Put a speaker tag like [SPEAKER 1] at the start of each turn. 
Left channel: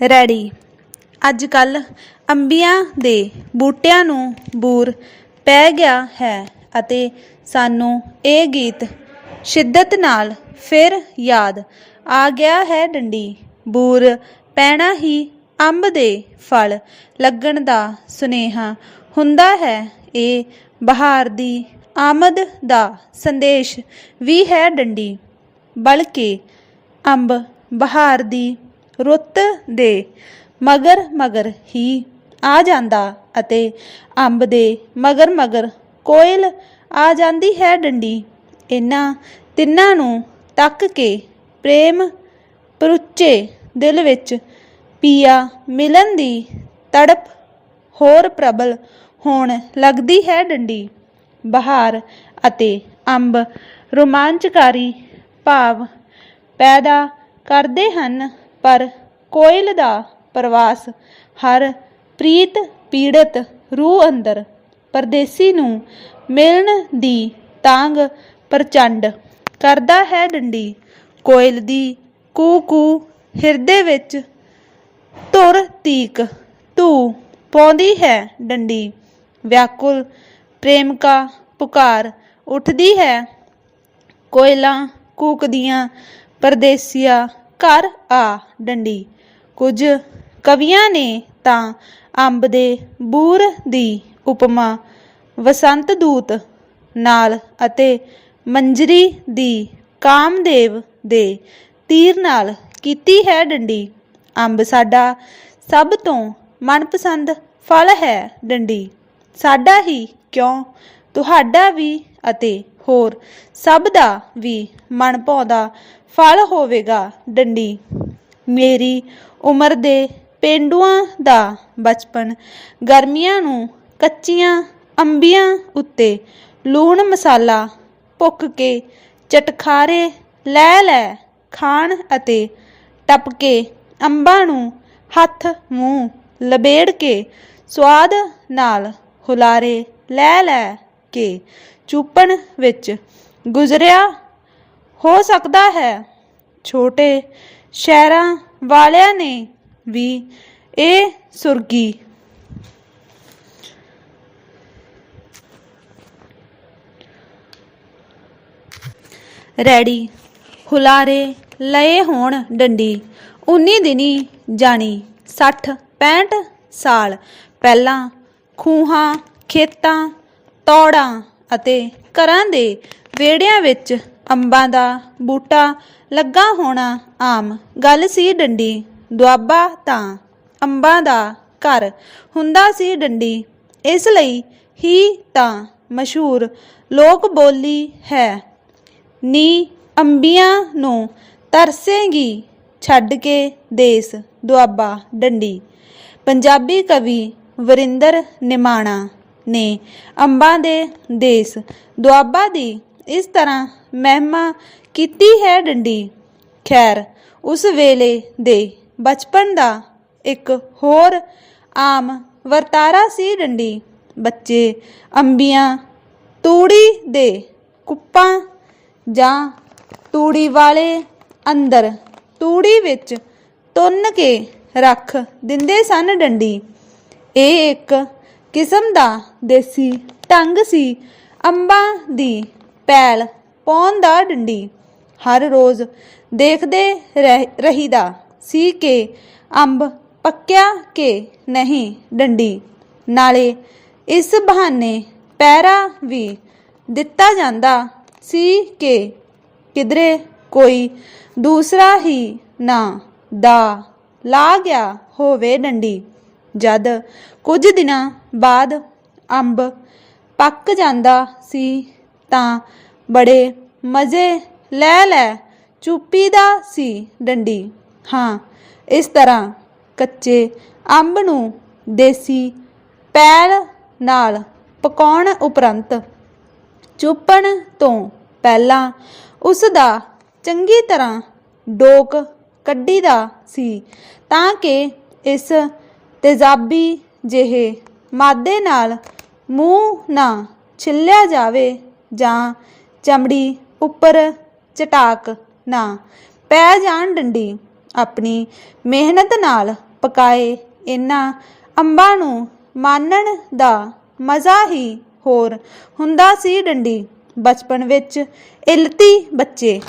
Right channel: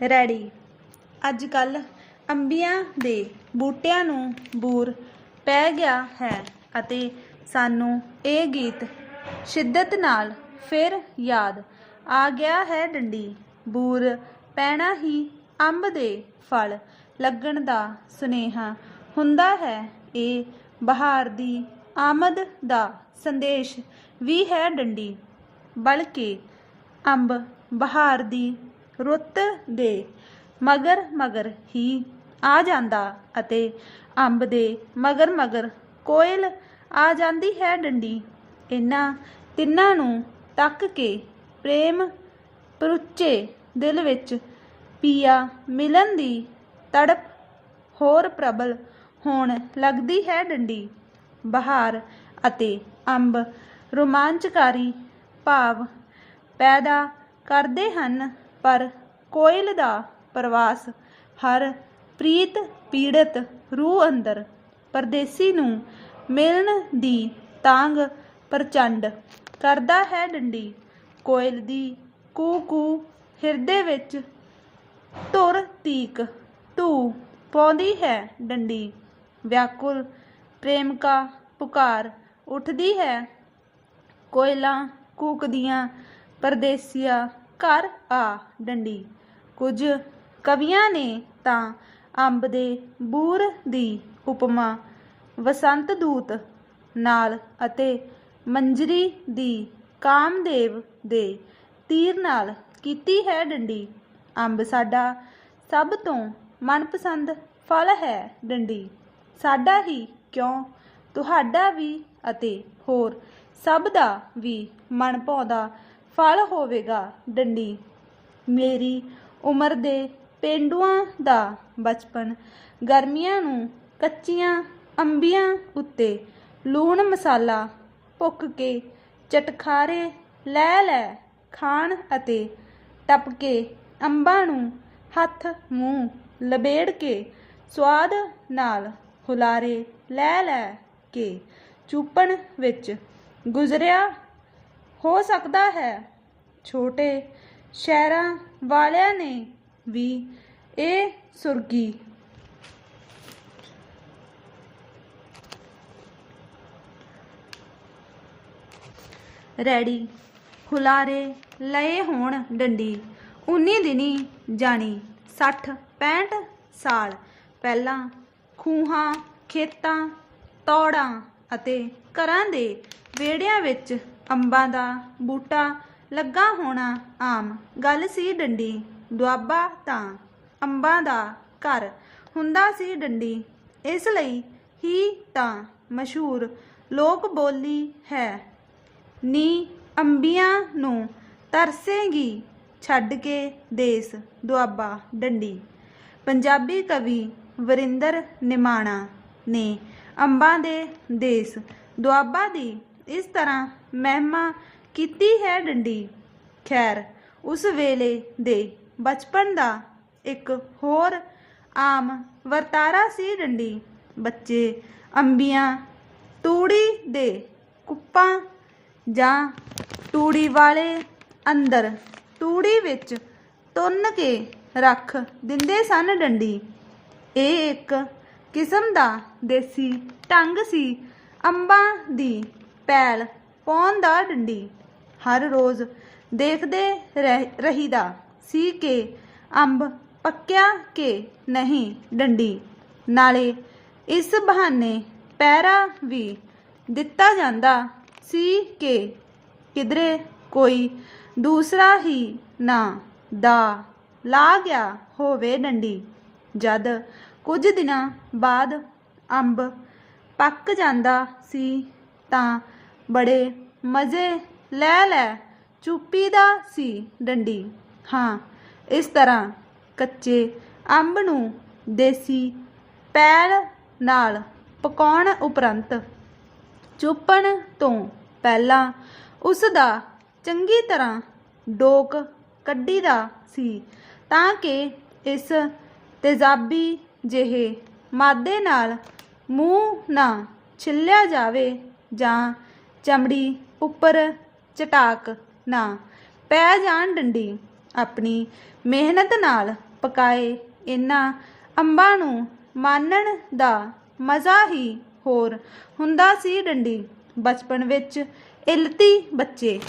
[SPEAKER 1] Ready. ਅੱਜ ਕੱਲ ਅੰਬੀਆਂ ਦੇ ਬੂਟਿਆਂ ਨੂੰ ਬੂਰ ਪੈ ਗਿਆ ਹੈ ਅਤੇ ਸਾਨੂੰ ਇਹ ਗੀਤ ਸ਼ਿੱਦਤ ਨਾਲ ਫਿਰ ਯਾਦ ਆ ਗਿਆ ਹੈ ਡੰਡੀ। ਬੂਰ ਪੈਣਾ ਹੀ ਅੰਬ ਦੇ ਫਲ ਲੱਗਣ ਦਾ ਸੁਨੇਹਾ ਹੁੰਦਾ ਹੈ। ਇਹ ਬਹਾਰ ਦੀ ਆਮਦ ਦਾ ਸੰਦੇਸ਼ ਵੀ ਹੈ ਡੰਡੀ। ਬਲਕਿ ਅੰਬ ਬਹਾਰ ਦੀ ਰੁੱਤ ਦੇ ਮਗਰ ਮਗਰ ਹੀ ਆ ਜਾਂਦਾ ਅਤੇ ਅੰਬ ਦੇ ਮਗਰ ਮਗਰ ਕੋਇਲ ਆ ਜਾਂਦੀ ਹੈ ਡੰਡੀ। ਇਹਨਾਂ ਤਿੰਨਾਂ ਨੂੰ ਤੱਕ ਕੇ ਪ੍ਰੇਮ ਪਰੁੱਚੇ ਦਿਲ ਵਿੱਚ ਪੀਆ ਮਿਲਨ ਦੀ ਤੜਪ ਹੋਰ ਪ੍ਰਬਲ ਹੋਣ ਲੱਗਦੀ ਹੈ ਡੰਡੀ। ਬਹਾਰ ਅਤੇ ਅੰਬ ਰੋਮਾਂਚਕਾਰੀ ਭਾਵ ਪੈਦਾ ਕਰਦੇ ਹਨ। ਪਰ ਕੋਇਲ ਦਾ ਪ੍ਰਵਾਸ ਹਰ ਪ੍ਰੀਤ ਪੀੜਤ ਰੂਹ ਅੰਦਰ ਪਰਦੇਸੀ ਨੂੰ ਮਿਲਣ ਦੀ ਤਾਂਗ ਪ੍ਰਚੰਡ ਕਰਦਾ ਹੈ ਡੰਡੀ। ਕੋਇਲ ਦੀ ਕੂ ਕੂ ਹਿਰਦੇ ਵਿੱਚ ਧੁਰ ਤੀਕ ਧੂ ਪਾਉਂਦੀ ਹੈ ਡੰਡੀ। ਵਿਆਕੁਲ ਪ੍ਰੇਮਕਾ ਪੁਕਾਰ ਉੱਠਦੀ ਹੈ। ਕੋਇਲਾਂ ਕੂਕਦੀਆਂ ਪਰਦੇਸੀਆ ਘਰ ਆ ਡੰਡੀ। ਕੁਝ ਕਵੀਆਂ ਨੇ ਤਾਂ ਅੰਬ ਦੇ ਬੂਰ ਦੀ ਉਪਮਾ, ਵਸੰਤ ਦੂਤ ਨਾਲ ਅਤੇ ਮੰਜਰੀ ਦੀ ਕਾਮਦੇਵ ਦੇ ਤੀਰ ਨਾਲ ਕੀਤੀ ਹੈ ਡੰਡੀ। ਅੰਬ ਸਾਡਾ ਸਭ ਤੋਂ ਮਨਪਸੰਦ ਫਲ ਹੈ ਡੰਡੀ। ਸਾਡਾ ਹੀ ਕਿਉਂ? ਤੁਹਾਡਾ ਵੀ ਅਤੇ ਹੋਰ ਸਭ ਦਾ ਵੀ ਮਨ ਭਾਉਂਦਾ ਫਲ ਹੋਵੇਗਾ ਡੰਡੀ। ਮੇਰੀ ਉਮਰ ਦੇ ਪੇਂਡੂਆਂ ਦਾ ਬਚਪਨ, ਗਰਮੀਆਂ ਨੂੰ ਕੱਚੀਆਂ ਅੰਬੀਆਂ ਉੱਤੇ ਲੂਣ ਮਸਾਲਾ ਭੁੱਕ ਕੇ ਚਟਖਾਰੇ ਲੈ ਲੈ ਖਾਣ ਅਤੇ ਟੱਪ ਕੇ ਅੰਬਾਂ ਨੂੰ ਹੱਥ ਮੂੰਹ ਲਬੇੜ ਕੇ ਸਵਾਦ ਨਾਲ ਹੁਲਾਰੇ ਲੈ ਲੈ ਕੇ ਚੂਪਣ ਵਿੱਚ ਗੁਜ਼ਰਿਆ ਹੋ ਸਕਦਾ ਹੈ। ਛੋਟੇ ਸ਼ਹਿਰਾਂ ਵਾਲਿਆਂ ਨੇ ਵੀ ਇਹ ਸੁਰਗੀ। ਰੈਡੀ। ਹੁਲਾਰੇ ਲਏ ਹੋਣ ਡੰਡੀ। ਉਨੀ ਦਿਨੀ ਜਾਣੀ 60 65 ਸਾਲ। ਪਹਿਲਾਂ ਖੂਹਾਂ, ਖੇਤਾਂ, ਤੌੜਾਂ ਅਤੇ ਘਰਾਂ ਦੇ ਵਿਹੜਿਆਂ ਵਿੱਚ ਅੰਬਾਂ ਦਾ ਬੂਟਾ ਲੱਗਾ ਹੋਣਾ ਆਮ। ਗੱਲ ਸੀ ਡੰਡੀ, ਦੁਆਬਾ ਤਾਂ ਅੰਬਾਂ ਦਾ ਘਰ ਹੁੰਦਾ ਸੀ ਡੰਡੀ। ਇਸ ਲਈ ਹੀ ਤਾਂ ਮਸ਼ਹੂਰ ਲੋਕ ਬੋਲੀ ਹੈ। ਨੀ ਅੰਬੀਆਂ ਨੂੰ ਤਰਸੇਗੀ ਛੱਡ ਕੇ ਦੇਸ ਦੁਆਬਾ ਡੰਡੀ। ਪੰਜਾਬੀ ਕਵੀ ਵਰਿੰਦਰ ਨਿਮਾਣਾ ਨੇ ਅੰਬਾਂ ਦੇ ਦੇਸ ਦੁਆਬਾ ਦੀ ਇਸ ਤਰ੍ਹਾਂ ਮਹਿਮਾ ਕੀਤੀ ਹੈ ਡੰਡੀ। ਖੈਰ, ਉਸ ਵੇਲੇ ਦੇ ਬਚਪਨ ਦਾ ਇੱਕ ਹੋਰ ਆਮ ਵਰਤਾਰਾ ਸੀ ਡੰਡੀ। ਬੱਚੇ ਅੰਬੀਆਂ, ਤੂੜੀ ਦੇ ਕੁੱਪਾਂ ਜਾਂ ਤੂੜੀ ਵਾਲੇ ਅੰਦਰ ਤੂੜੀ ਵਿੱਚ ਤੁੰਨ ਕੇ ਰੱਖ ਦਿੰਦੇ ਸਨ ਡੰਡੀ। ਇਹ ਇੱਕ ਕਿਸਮ ਦਾ ਦੇਸੀ ਢੰਗ ਸੀ। ਅੰਬਾਂ ਦੀ ਪੈਲ ਪਾਉਣ ਦਾ ਡੰਡੀ। ਹਰ ਰੋਜ਼ ਦੇਖਦੇ ਰਹਿ- ਰਹੀਦਾ ਸੀ ਕਿ ਅੰਬ ਪੱਕਿਆ ਕਿ ਨਹੀਂ ਡੰਡੀ। ਨਾਲੇ ਇਸ ਬਹਾਨੇ ਪੈਰਾ ਵੀ ਦਿੱਤਾ ਜਾਂਦਾ ਸੀ ਕਿ ਕਿਧਰੇ ਕੋਈ ਦੂਸਰਾ ਹੀ ਨਾ ਦਾ ਲਾ ਗਿਆ ਹੋਵੇ ਡੰਡੀ। ਜਦ ਕੁਝ ਦਿਨਾਂ ਬਾਅਦ ਅੰਬ ਪੱਕ ਜਾਂਦਾ ਸੀ ਤਾਂ ਬੜੇ ਮਜ਼ੇ ਲੈ ਲੈ, ਚੁੱਪੀ ਦਾ ਸੀ ਡੰਡੀ। ਹਾਂ, ਇਸ ਤਰ੍ਹਾਂ ਕੱਚੇ ਅੰਬ ਨੂੰ ਦੇਸੀ ਪੈਲ ਨਾਲ ਪਕਾਉਣ ਉਪਰੰਤ ਚੁੱਪਣ ਤੋਂ ਪਹਿਲਾਂ ਉਸ ਦਾ ਚੰਗੀ ਤਰ੍ਹਾਂ ਡੋਕ ਕੱਢੀ ਦਾ ਸੀ ਤਾਂ ਕਿ ਇਸ ਤੇਜ਼ਾਬੀ ਜਿਹੇ ਮਾਦੇ ਨਾਲ ਮੂੰਹ ਨਾ ਛਿੱਲਿਆ ਜਾਵੇ ਜਾਂ ਚਮੜੀ ਉੱਪਰ ਚਟਾਕ ਨਾ। ਪੈ ਜਾਣ ਡੰਡੀ, ਆਪਣੀ ਮਿਹਨਤ ਨਾਲ ਪਕਾਏ ਇਹਨਾਂ ਅੰਬਾਂ ਨੂੰ ਮਾਨਣ ਦਾ ਮਜ਼ਾ ਹੀ ਹੋਰ ਹੁੰਦਾ ਸੀ ਡੰਡੀ, ਬਚਪਨ ਵਿੱਚ ਇਲਤੀ ਬੱਚੇ।